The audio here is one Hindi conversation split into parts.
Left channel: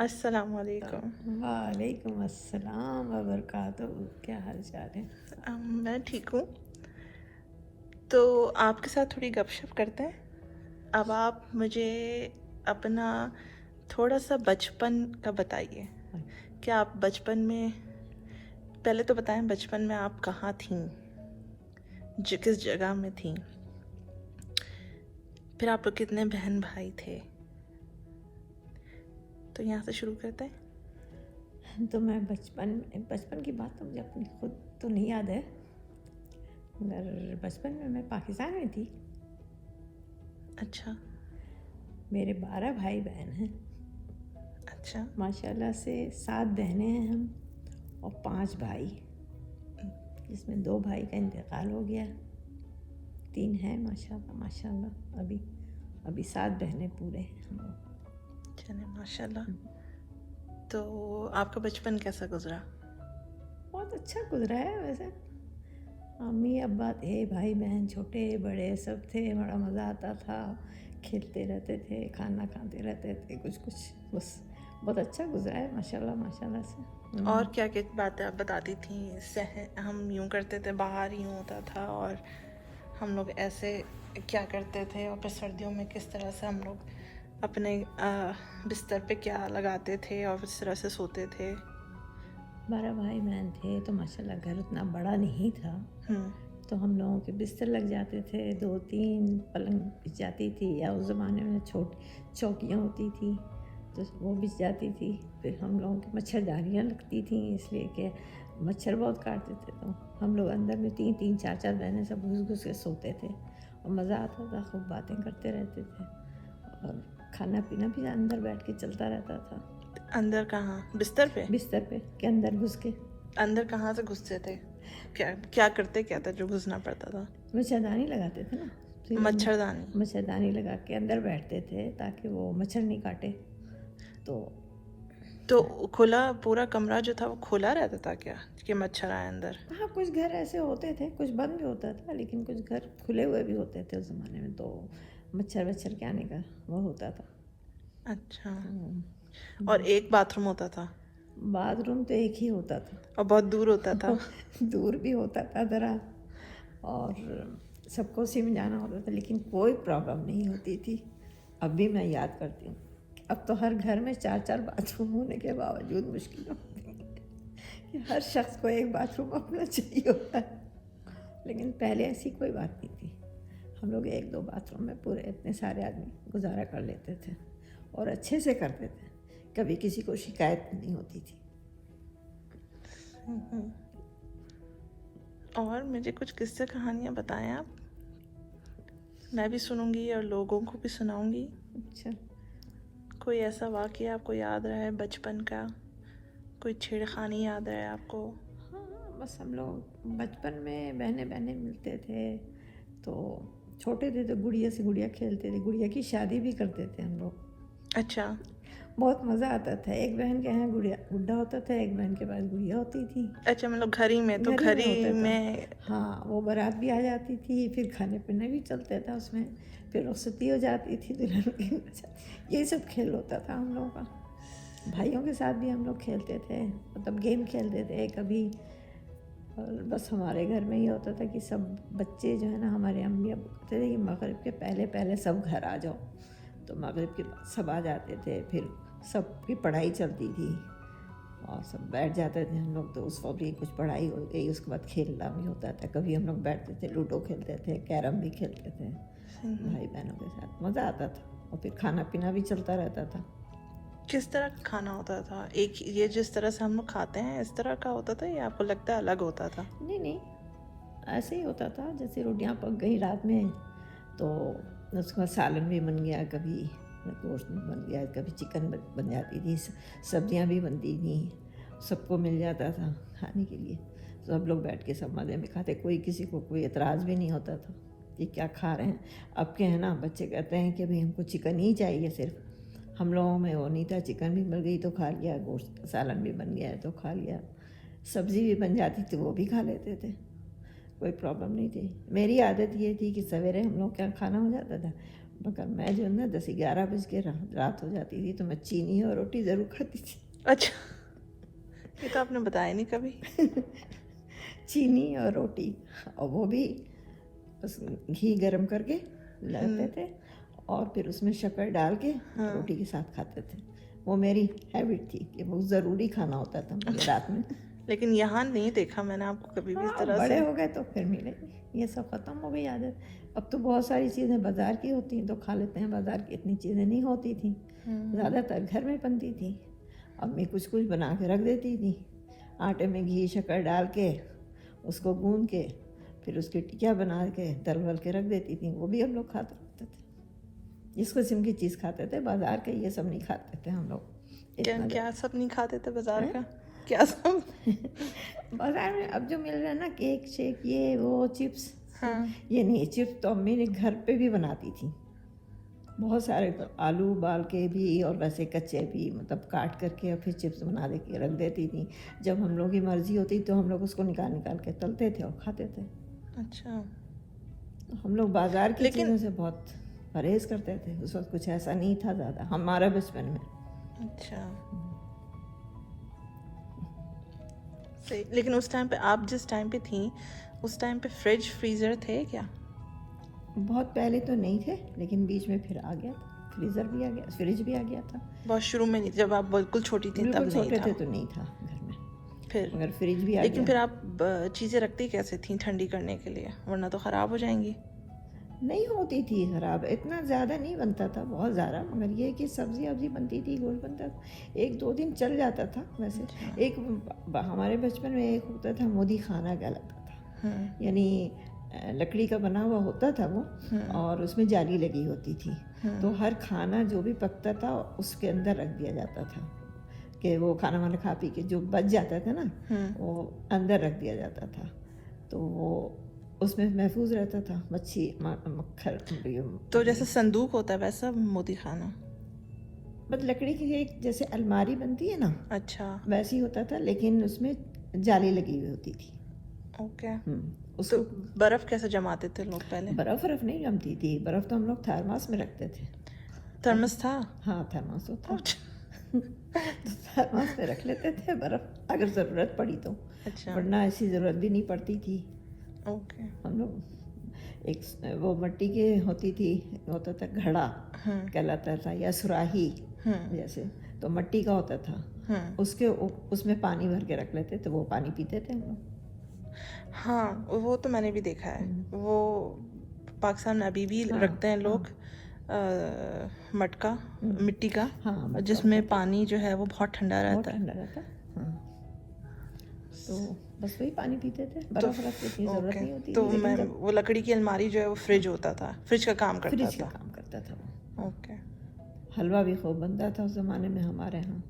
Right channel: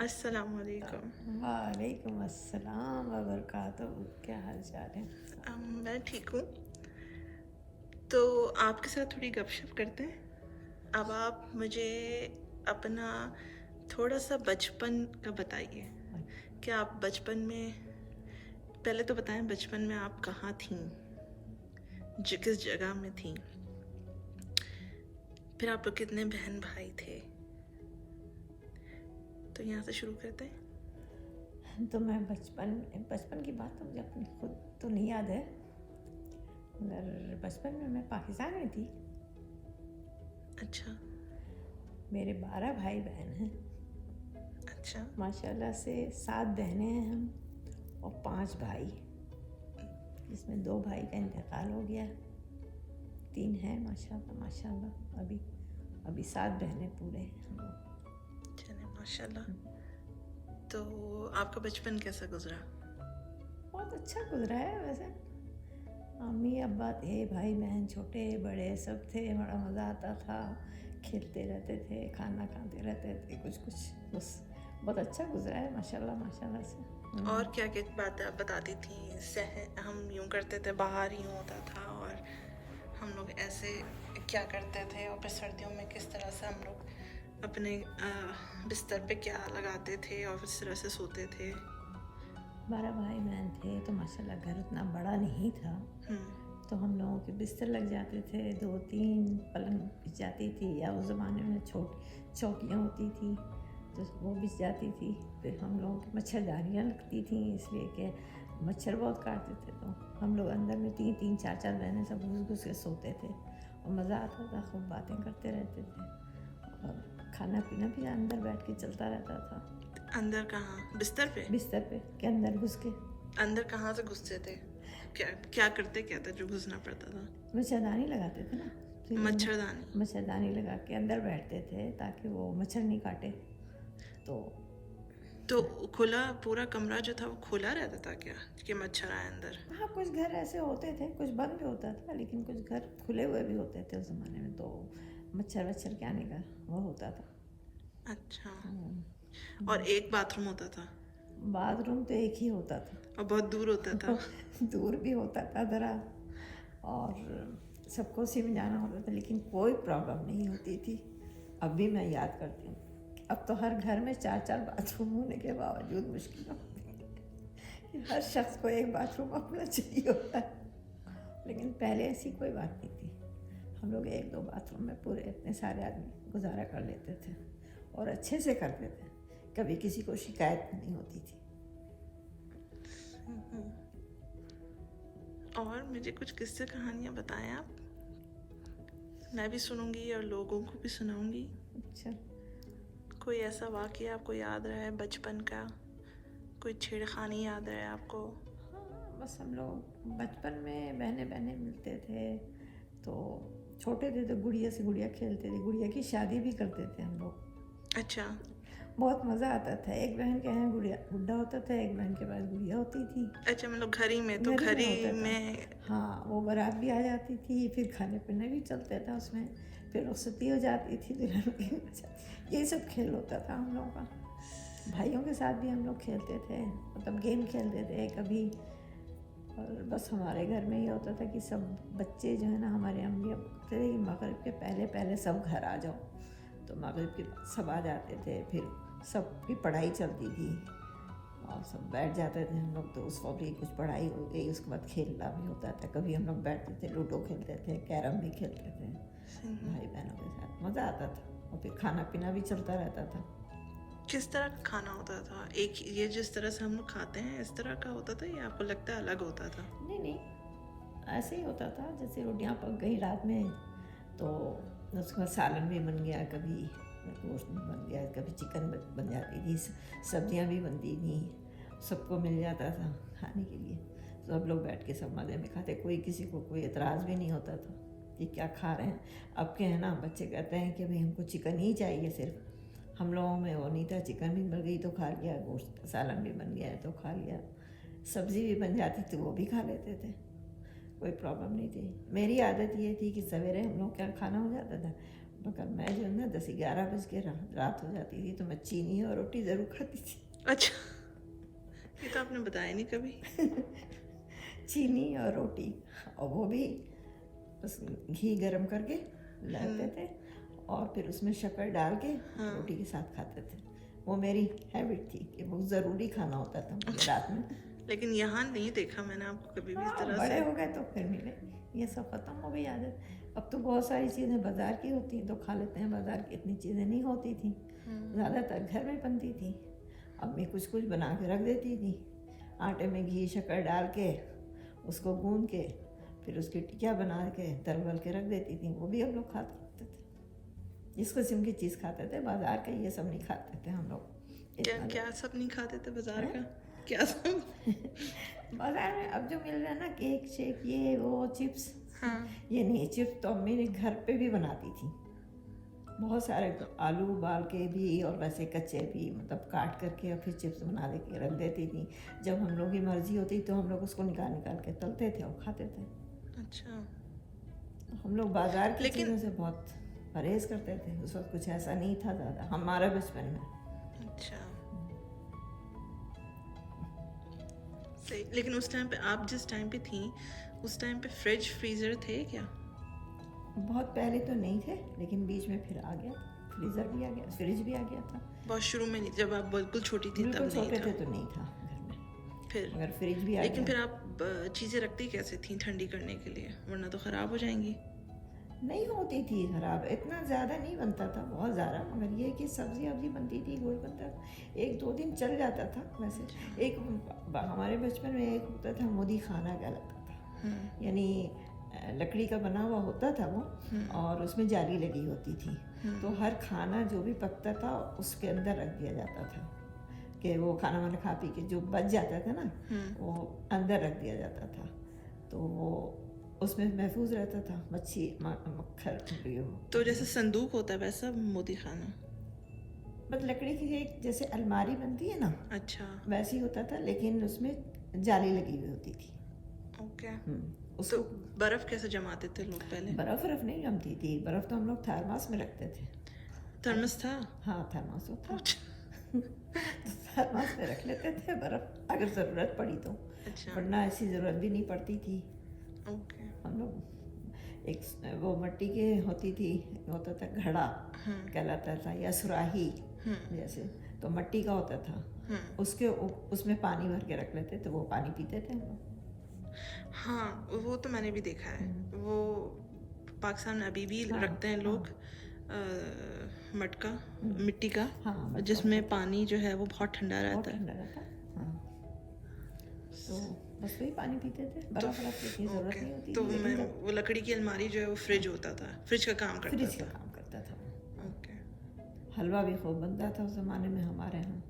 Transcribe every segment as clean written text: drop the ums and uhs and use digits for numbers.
अस्सलाम वालेकुम। वालेकुम अस्सलाम व बरकातहू। क्या हाल चाल है? मैं ठीक हूँ। तो आपके साथ थोड़ी गपशप करते हैं। अब आप मुझे अपना थोड़ा सा बचपन का बताइए। क्या आप बचपन में, पहले तो बताएं बचपन में आप कहाँ थीं, किस जगह में थीं, फिर आप लोग कितने बहन भाई थे। तो यहाँ से शुरू करते हैं। तो मैं बचपन बचपन की बात तो मुझे अपनी खुद तो नहीं याद है, मगर बचपन में मैं पाकिस्तान में थी। अच्छा। मेरे 12 भाई बहन हैं। अच्छा। माशाल्लाह से 7 बहनें हैं हम और 5 भाई, जिसमें 2 भाई का इंतकाल हो गया, 3 हैं माशाल्लाह माशाल्लाह। अभी 7 बहनें पूरे हैं हम लोग। चले माशाल्लाह। तो आपका बचपन कैसा गुजरा? बहुत अच्छा गुजरा है वैसे। अम्मी अब्बा थे, भाई बहन छोटे बड़े सब थे, बड़ा मज़ा आता था। खेलते रहते थे, खाना खाते रहते थे, कुछ कुछ बस बहुत अच्छा गुजरा है माशाल्लाह माशाल्लाह से। और क्या क्या बातें आप बताती थी? हम यूँ करते थे, बाहर यूँ होता था, और हम लोग ऐसे क्या करते थे, और फिर सर्दियों में किस तरह से हम लोग अपने बिस्तर पे क्या लगाते थे और इस तरह से सोते थे। 12 भाई बहन थे तो माशाल्लाह घर उतना बड़ा नहीं था, तो हम लोगों के बिस्तर लग जाते थे, 2-3 पलंग बिछ जाती थी, या उस ज़माने में छोटी चौकियाँ होती थी तो वो बिछ जाती थी। फिर हम लोगों की मच्छरदानियाँ लगती थी, इसलिए कि मच्छर बहुत काटते थे, तो हम लोग अंदर में 3-3 4-4 बहनें सब घुस घुस के सोते थे और मज़ा आता था, खूब बातें करते रहते थे और खाना पीना भी अंदर बैठ के चलता रहता था। अंदर कहाँ? बिस्तर पे? बिस्तर पे के अंदर घुस के। अंदर कहाँ से घुसते थे? क्या क्या करते क्या था जो घुसना पड़ता था? मच्छरदानी लगाते थे ना, फिर मच्छरदानी? मच्छरदानी लगा के अंदर बैठते थे ताकि वो मच्छर नहीं काटे। तो खुला पूरा कमरा जो था वो खुला रहता था क्या कि मच्छर आए अंदर? हाँ, कुछ घर ऐसे होते थे, कुछ बंद भी होता था, लेकिन कुछ घर खुले हुए भी होते थे उस ज़माने में, तो मच्छर वच्छर के आने का वो होता था। अच्छा। और एक बाथरूम होता था? बाथरूम तो एक ही होता था और बहुत दूर होता था? दूर भी होता था ज़रा, और सबको सिम जाना होता था, लेकिन कोई प्रॉब्लम नहीं होती थी। अब भी मैं याद करती हूँ, अब तो हर घर में 4-4 बाथरूम होने के बावजूद मुश्किल होती है कि हर शख्स को एक बाथरूम अपना चाहिए होता है, लेकिन पहले ऐसी कोई बात नहीं थी। हम लोग 1-2 बाथरूम में पूरे इतने सारे आदमी गुजारा कर लेते थे और अच्छे से करते थे, कभी किसी को शिकायत नहीं होती थी। और मुझे कुछ किस्से कहानियाँ बताएं आप, मैं भी सुनूंगी और लोगों को भी सुनाऊंगी। अच्छा, कोई ऐसा वाक़या आपको याद रहा है बचपन का, कोई छेड़खानी याद रहा है आपको? हाँ, बस हम लोग बचपन में बहने बहने मिलते थे, तो छोटे थे तो गुड़िया से गुड़िया खेलते थे, गुड़िया की शादी भी करते थे हम लोग। अच्छा। बहुत मज़ा आता था। एक बहन के यहाँ गुड़िया गुड्डा होता था, एक बहन के पास गुड़िया होती थी। अच्छा, मतलब घर ही में? तो घर ही घर में ही होता था। में? हाँ, वो बारात भी आ जाती थी, फिर खाने पीने भी चलता था उसमें, फिर वो सती हो जाती थी दुल्हन के साथ। यही सब खेल होता था हम लोगों का। भाइयों के साथ भी हम लोग खेलते थे, मतलब गेम खेलते थे कभी। और बस हमारे घर में ये होता था कि सब बच्चे जो है ना, हमारे अम्मी अब कहते थे कि मगरिब के पहले पहले सब घर आ जाओ, तो मगरिब के बाद सब आ जाते थे। फिर सबकी पढ़ाई चलती थी और सब बैठ जाते थे हम लोग, तो उस वक्त भी कुछ पढ़ाई हो गई, उसके बाद खेलना भी होता था। कभी हम लोग बैठते थे, लूडो खेलते थे, कैरम भी खेलते थे भाई बहनों के साथ, मज़ा आता था। और फिर खाना पीना भी चलता रहता था। किस तरह का खाना होता था? एक ये जिस तरह से हम लोग खाते हैं इस तरह का होता था, या आपको लगता है अलग होता था? नहीं नहीं, ऐसे ही होता था। जैसे रोटियां पक गई रात में तो उसका सालन भी बन गया, कभी गोश्त बन गया, कभी चिकन बन जाती थी, सब्जियां भी बनती थी, सबको मिल जाता था खाने के लिए। सब लोग बैठ के सब मज़े में खाते, कोई किसी को कोई एतराज़ भी नहीं होता था कि क्या खा रहे हैं। अब के हैं ना, बच्चे कहते हैं कि भाई हमको चिकन ही चाहिए सिर्फ। हम लोगों में वो नहीं था, चिकन भी मिल गई तो खा लिया, गोश्त सालन भी बन गया है तो खा लिया, सब्ज़ी भी बन जाती थी वो भी खा लेते थे, कोई प्रॉब्लम नहीं थी। मेरी आदत ये थी कि सवेरे हम लोग क्या खाना हो जाता था, मगर मैं जो है ना 10-11 बज के रात हो जाती थी तो मैं चीनी और रोटी ज़रूर खाती थी। अच्छा, ये तो आपने बताया नहीं कभी। चीनी और रोटी, और वो भी बस घी गरम करके लाते थे और फिर उसमें शक्कर डाल के हाँ। रोटी के साथ खाते थे। वो मेरी हैबिट थी कि वो ज़रूरी खाना होता था मुझे रात में। लेकिन यहाँ नहीं देखा मैंने आपको कभी भी इस हाँ, तरह बड़े से। हो गए तो फिर मिले, ये सब ख़त्म हो गई आदत। अब तो बहुत सारी चीज़ें बाज़ार की होती हैं तो खा लेते हैं, बाज़ार की इतनी चीज़ें नहीं होती थी, ज़्यादातर घर में बनती थी। अब मैं कुछ कुछ बना के रख देती थी, आटे में घी शक्कर डाल के उसको गूंद के फिर उसकी टिकिया बना के तल वल के रख देती थी, वो भी हम लोग खाते रहते थे। जिस किस्म की चीज़ खाते थे, बाज़ार के ये सब नहीं खाते थे हम लोग। क्या इतना क्या सब नहीं खाते थे बाजार का? क्या सब? बाज़ार में अब जो मिल रहा है ना, केक शेक ये वो चिप्स, हाँ। ये नहीं, चिप्स तो मेरे घर पे भी बनाती थी। बहुत सारे आलू उबाल के भी और वैसे कच्चे भी, मतलब काट करके और फिर चिप्स बना दे के रख देती थी। जब हम लोग की मर्ज़ी होती तो हम लोग उसको निकाल निकाल के तलते थे और खाते थे। अच्छा, हम लोग बाज़ार की लेकिन- चीज़ों से बहुत परहेज़ करते थे। उस वक्त कुछ ऐसा नहीं था ज़्यादा हमारा बचपन में। अच्छा, सही। लेकिन उस टाइम पे, आप जिस टाइम पे थी, उस टाइम पे फ्रिज फ्रीजर थे क्या? बहुत पहले तो नहीं थे, लेकिन बीच में फिर आ गया था, फ्रीज़र भी आ गया, फ्रिज भी आ गया था। बहुत शुरू में नहीं, जब आप बिल्कुल छोटी थी बिल्कुल तब नहीं छोटे था। थे तो नहीं था घर में, फिर मगर फ्रिज भी आ लेकिन गया। फिर आप चीज़ें रखती कैसे थी ठंडी करने के लिए, वरना तो ख़राब हो जाएंगी। नहीं होती थी खराब, इतना ज़्यादा नहीं बनता था, बहुत ज़्यादा, मगर ये कि सब्ज़ी वब्ज़ी बनती थी, गोश्त बनता था, 1-2 दिन चल जाता था। वैसे एक हमारे बचपन में एक होता था मोदी खाना कहलाता था, यानी लकड़ी का बना हुआ होता था वो, और उसमें जाली लगी होती थी, तो हर खाना जो भी पकता था उसके अंदर रख दिया जाता था, कि वो खाना वाना खा पी के जो बच जाता था ना, वो अंदर रख दिया जाता था, तो वो उसमें महफूज रहता था, मच्छी मक्खर। तो जैसे संदूक होता है वैसा मोदी खाना? मतलब लकड़ी की एक जैसे अलमारी बनती है ना, अच्छा, वैसी होता था, लेकिन उसमें जाली लगी हुई होती थी। ओके। उसको तो बर्फ़ कैसे जमाते थे लोग पहले? बर्फ़ नहीं जमती थी, बर्फ़ तो हम लोग थर्मास में रखते थे। थर्मस था? हाँ, थर्मास होता, अच्छा। थर्मास में रख लेते थे बर्फ़, अगर ज़रूरत पड़ी तो, अच्छा, वरना ऐसी ज़रूरत भी नहीं पड़ती थी। ओके। हम लोग एक वो मिट्टी के होती थी, होता था घड़ा कहलाता था, या सुराही जैसे, तो मिट्टी का होता था, उसके उसमें पानी भर के रख लेते थे, वो पानी पीते थे हम लोग। हाँ, वो तो मैंने भी देखा है। वो पाकिस्तान में अभी भी रखते हैं लोग, मटका, मिट्टी का, हाँ, मटका जिसमें होता था, पानी जो है वो बहुत ठंडा बहुत रहता है। ठंडा रहता। हाँ, तो बस वही पानी पीते थे, बर्फ़ रखते थे, ज़रूरत ओके, नहीं होती तो थी। मैं लेकिन जब वो लकड़ी की अलमारी जो है वो फ्रिज होता था, फ्रिज का काम करता फ्रिज का था। काम करता था वो। ओके। हलवा भी खूब बनता था उस ज़माने में हमारे यहाँ,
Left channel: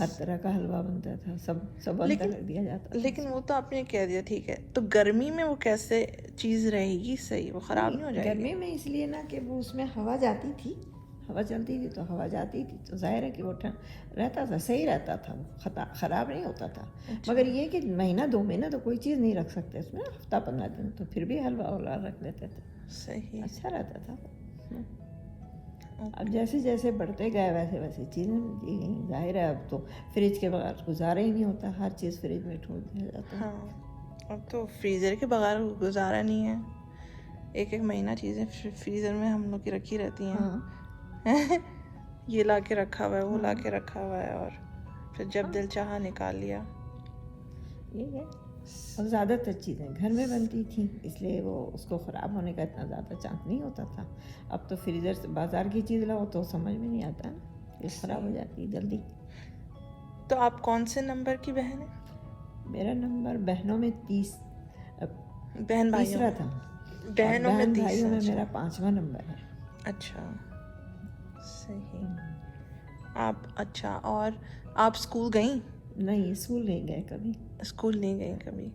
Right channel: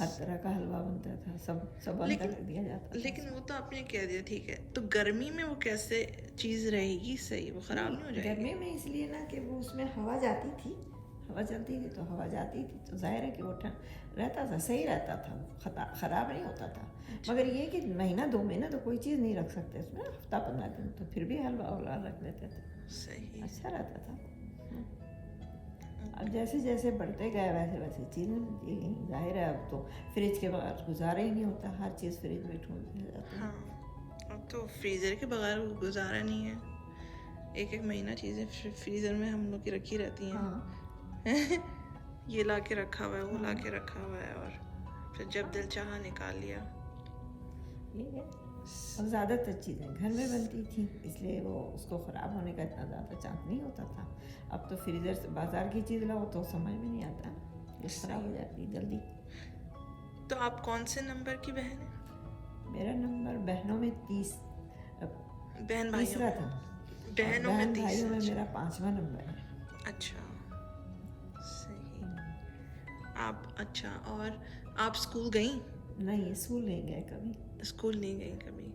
हर तरह का हलवा बनता था, सब अंदर लेकिन रख दिया जाता था। लेकिन वो तो आपने कह दिया, ठीक है, तो गर्मी में वो कैसे चीज़ रहेगी सही, वो ख़राब नहीं हो जाएगी? गर्मी में इसलिए ना कि वो उसमें हवा जाती थी, हवा चलती थी तो हवा जाती थी, तो जाहिर है कि वो रहता था, सही रहता था, ख़राब नहीं होता था। मगर ये कि महीना 2 महीना तो कोई चीज़ नहीं रख सकते उसमें, हफ्ता 15 दिन तो फिर भी हलवा वलवा रख लेते थे, सही। अच्छा रहता था। अब जैसे जैसे बढ़ते गए वैसे वैसे चीज़ें मिलती गई, जाहिर है अब तो फ्रिज के बगैर गुजारा ही नहीं होता, हर चीज़ फ्रिज में ठूँस दिया जाता है। हाँ, अब तो फ्रीज़र के बगैर गुजारा नहीं है, एक महीना चीज़ें फ्रीज़र में हम लोग की रखी रहती हैं। हाँ, ये ला के रखा हुआ है, वो ला के रखा हुआ है, और फिर जब दिल चाहा निकाल लिया। ठीक है। और ज़्यादातर चीज़ें घर में बनती थी, इसलिए वो उसको ख़राब होने का इतना ज़्यादा चांस नहीं होता था। अब तो फ्रीजर से बाज़ार की चीज़ लाओ तो समझ में नहीं आता, ये ख़राब हो जाती है जल्दी। तो आप कौन से नंबर की बहन है? मेरा नंबर बहनों में बहन भाइयों तीसरा था, बहनों में बहन भाइयों में तीसरा। मेरा 5वां नंबर है। अच्छा, सही। आप, अच्छा, और आप स्कूल गई? नहीं, स्कूल नहीं गए कभी, स्कूल नहीं गई कभी?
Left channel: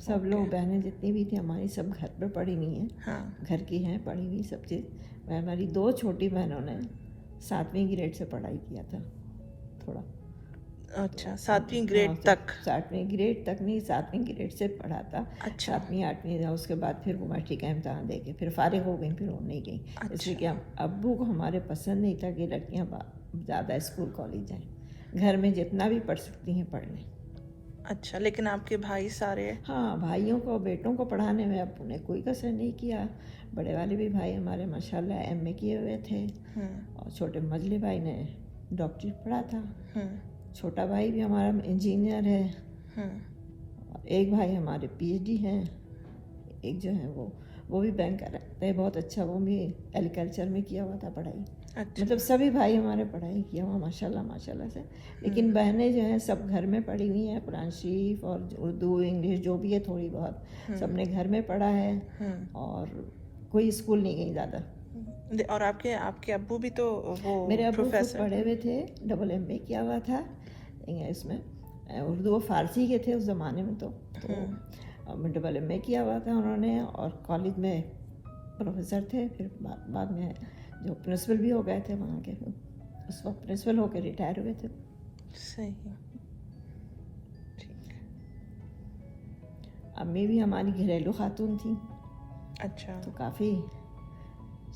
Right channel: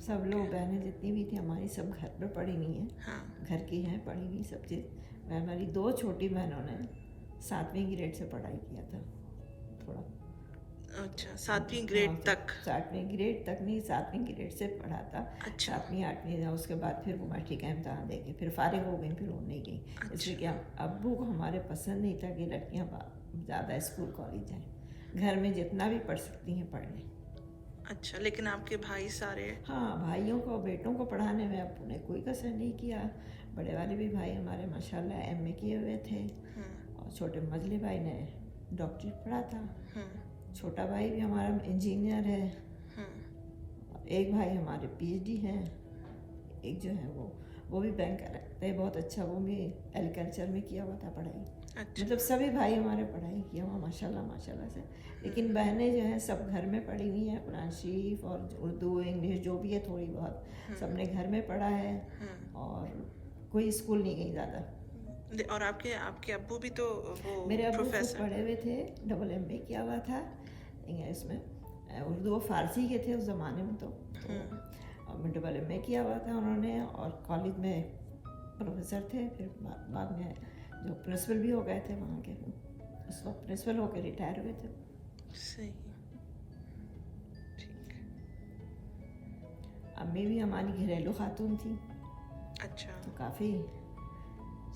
सब लोग बहनें जितनी भी थी हमारी सब घर पर पढ़ी हुई हैं, हाँ। घर की हैं, पढ़ी हुई सब चीज़। हमारी 2 छोटी बहनों ने 7वीं ग्रेड से पढ़ाई किया था, थोड़ा अच्छा, 7वीं ग्रेड हाँ, तक। 7वीं ग्रेड तक नहीं, 7वीं ग्रेड से पढ़ा था। अच्छा। 7वीं 8वीं था, उसके बाद फिर वो मैट्रिक का इम्तहान दे के फिर फारिग हो गई, फिर वो नहीं गई। इसलिए कि हम अब्बू को हमारे पसंद नहीं था कि लड़कियां ज़्यादा स्कूल कॉलेज जाएं, घर में जितना भी पढ़ सकती हैं पढ़ लें। अच्छा, लेकिन आपके भाई सारे? हाँ, भाइयों को बेटों को पढ़ाने में अब्बू ने कोई कसर नहीं किया। बड़े वाले भी भाई हमारे माशाल्लाह एमए किए हुए थे, और छोटे मझले भाई ने डॉक्टरेट पढ़ा था। छोटा भाई भी हमारा इंजीनियर है, और एक भाई हमारे पीएचडी हैं, एक जो है वो भी बैंकर है, बहुत अच्छा, वो भी एग्रीकल्चर में किया हुआ था पढ़ाई। अच्छा। मतलब सभी भाई हमारे पढ़ाई किया हुआ माशाल्लाह माशाल्लाह से। लेकिन बहनें जो हैं सब घर में पढ़ी हुई हैं, कुरान शरीफ और उर्दू इंग्लिश जो भी है थोड़ी बहुत सबने घर में पढ़ा है, और कोई स्कूल नहीं गई ज़्यादा। और आपके आपके अब्बू भी तो वो मेरे अब्बू खुद प्रोफेसर? पढ़े हुए थे, डबल एमए किया हुआ था इसमें, उर्दू और फारसी के थे उस ज़माने में, तो डबल एमए किया हुआ था उन्होंने, और कॉलेज में प्रोफेसर थे। फिर बाद में जो प्रिंसिपल भी हो गए थे वहाँ के, उस वक्त प्रिंसिपल होकर रिटायर हुए थे। सही है, ठीक। अम्मी भी हमारी घरेलू खातून थी, अच्छा। तो काफ़ी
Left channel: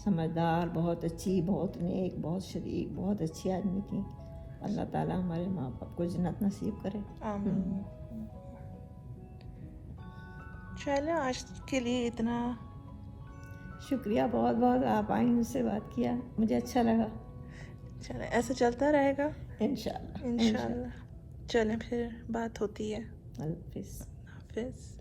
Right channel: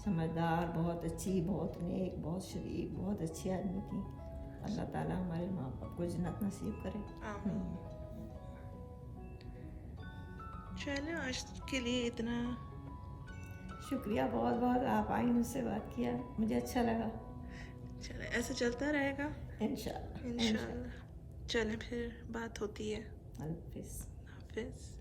समझदार, बहुत अच्छी, बहुत नेक, बहुत शरीफ, बहुत अच्छी आदमी थी। अल्लाह ताला हमारे माँ बाप को जन्नत नसीब करे। आमीन। चलो आज के लिए इतना। शुक्रिया बहुत बहुत, आप आई, मुझसे बात किया, मुझे अच्छा लगा। चलो ऐसे चलता रहेगा इंशाल्लाह। इंशाल्लाह। चलें, फिर बात होती है। अल्लाह हाफिज़। हाफिज़।